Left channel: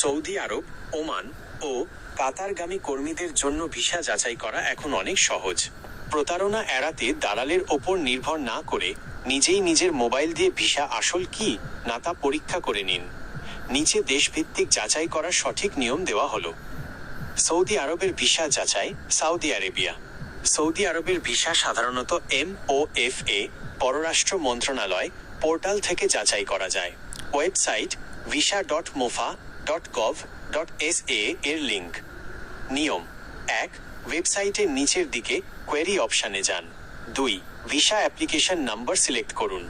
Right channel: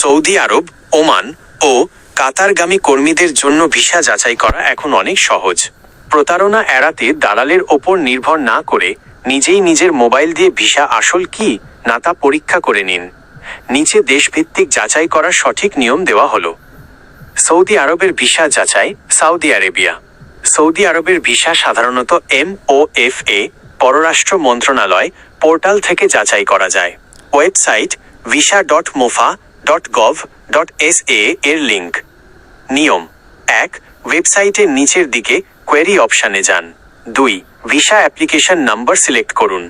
Saudi আরব, Oman ও কাতারগামী কর্মীদের জন্য visa যাচাই করা এখন অনেক সহজ। প্রতারণা এড়াতে দালালের ওপর নির্ভর না করে নিজেই নিজের মোবাইল দিয়ে ভিসা আসল কি না তা পরীক্ষা করে নিন। নিচে দেশভিত্তিক যাচাই করার সঠিক নিয়ম দেওয়া হলো। সৌদি আরবের ভিসা যাচাই। Saudi Arabia. সৌদি আরবের ভিসা সাধারণত MOFA পররাষ্ট্র মন্ত্রণালয় পোর্টাল থেকে যাচাই করা যায়। ওয়েবসাইট visa.mofa.gov.sa এর লিঙ্ক। নিয়ম: 1. ওয়েবসাইটের নিচের দিকে কোয়েরি অপশানে যান। 2. ভিসা অ্যাপ্লিকেশন নাম্বার সিলেক্ট করুন।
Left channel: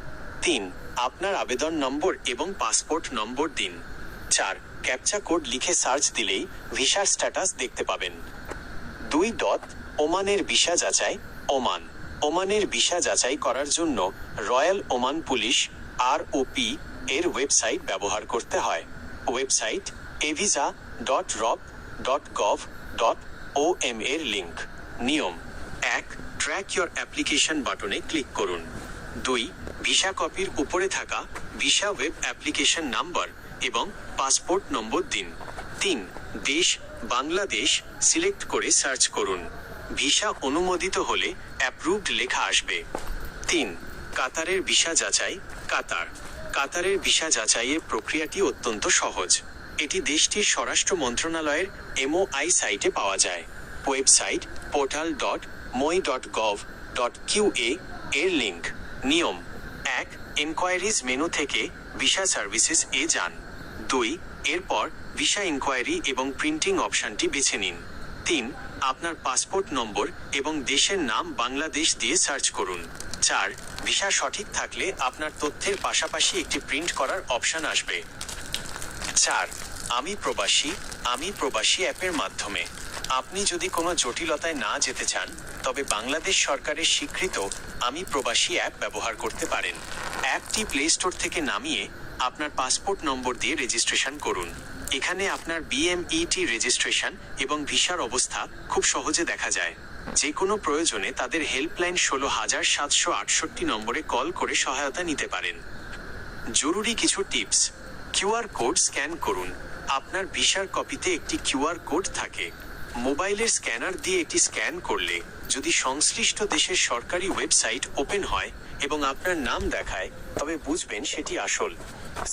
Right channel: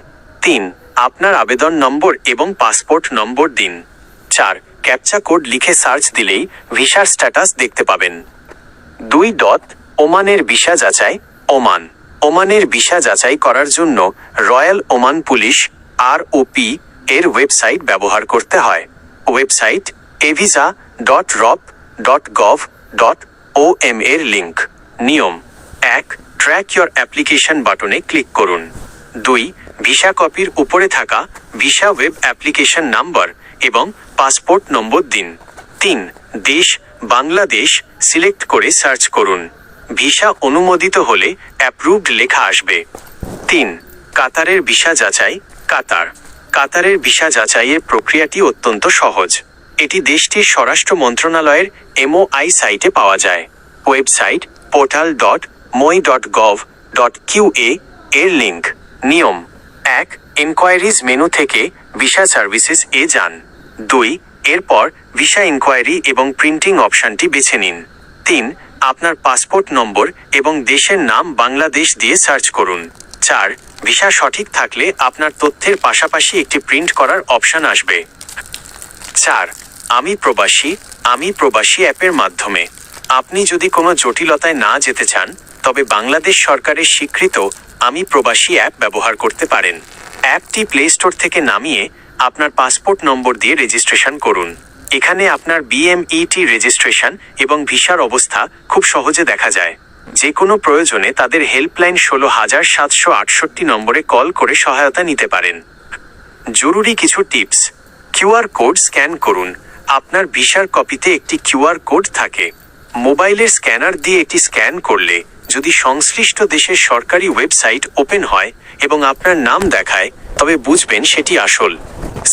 3. আপনার আবেদন নম্বর এবং পাসপোর্ট নম্বর দিন। 4. ক্যাপচা কোড লিখে সার্চ দিলেই ভিসার স্ট্যাটাস দেখতে পাবেন। 2. ওমানের ভিসা যাচাই। ওমান। ওমানের ভিসা যাচাই করার জন্য রয়্যাল ওমান পুলিশ ROP এর ওয়েবসাইট ব্যবহার করতে হয়। ওয়েবসাইট evisa.rop.gov.om এর লিঙ্ক। নিয়ম: 1. ট্র্যাক ইয়োর অ্যাপ্লিকেশন বাটনে ক্লিক করুন। 2. ভিসা কপির উপরে থাকা ভিসা ওয়েব অ্যাপ্লিকেশন নাম্বার এবং পাসপোর্ট নম্বর দিন। 3. দেশ বাংলাদেশ সিলেক্ট করে সার্চ করুন। ভিসা অনুমোদিত হলে অ্যাপ্রুভড লেখা আসবে। 3. কাতারের ভিসা যাচাই। কাতার। কাতারের ভিসা যাচাইয়ের প্রক্রিয়াটি অত্যন্ত সহজ। এটি দেশটির স্বরাষ্ট্র মন্ত্রণালয়ের MOI সাইটে পাওয়া যায়। ওয়েবসাইট portal.moi.gov.qa এর লিঙ্ক। নিয়ম: 1. ইনকোয়ারিজ মেনু থেকে ভিসা সার্ভিসেস এ যান। 2. এরপর ভিসা ইনকোয়ারি এবং প্রিন্টিং অপশানটি বেছে নিন। 3. আপনার পাসপোর্ট নম্বর এবং দেশের নাম বাংলাদেশ দিয়ে সার্চ করুন। 4. ভিসা সঠিক থাকলে আপনার তথ্যের পাশাপাশি একটি প্রিন্ট করার অপশান আসবে। 4. আমি প্রবাসী অ্যাপের মাধ্যমে আপনি যদি কোনো জটিলতায় না যেতে চান তবে বাংলাদেশ সরকারের স্বীকৃত আমি প্রবাসী অ্যাপ ব্যবহার করতে পারেন। অ্যাপটি প্লে স্টোর থেকে নামিয়ে আপনার পাসপোর্ট নম্বর দিয়ে রেজিস্ট্রেশন করুন। এখানে আপনার BMET রেজিস্ট্রেশন এবং ভিসার অবস্থা খুব সহজে দেখা যায়। যে কোনো প্রয়োজনে তাদের হেল্পলাইন 16768 নম্বরে কল করে সহায়তা নিতে পারেন। জরুরি কিছু টিপস। QR কোড স্ক্যান করুন। আপনার ভিসার কপিতে একটি QR কোড থাকে। মোবাইলের স্ক্যানার দিয়ে এটি স্ক্যান করলে যদি সংশ্লিষ্ট দেশের সরকারি ওয়েবসাইট ওপেন হয় এবং আপনার নাম দেখায় তবে বুঝবেন সেটি আসল।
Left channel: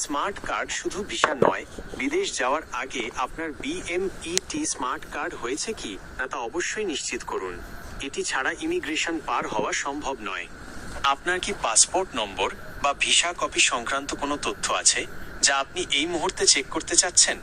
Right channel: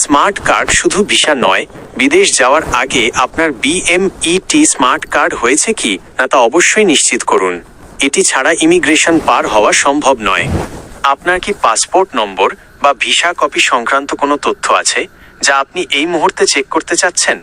স্মার্ট কার্ড শুধু ভিসা নয়, বিদেশ যাওয়ার আগে আপনার BMET স্মার্ট কার্ড হয়েছে কি না তা অবশ্যই নিশ্চিত করুন। এটি ছাড়া ইমিগ্রেশন পার হওয়া সম্ভব নয়। আপনার কি পাসপোর্ট নম্বর বা ভিসা কপি সংক্রান্ত কোনো তথ্য আছে যা আপনি এই মুহূর্তে চেক করতে চাচ্ছেন?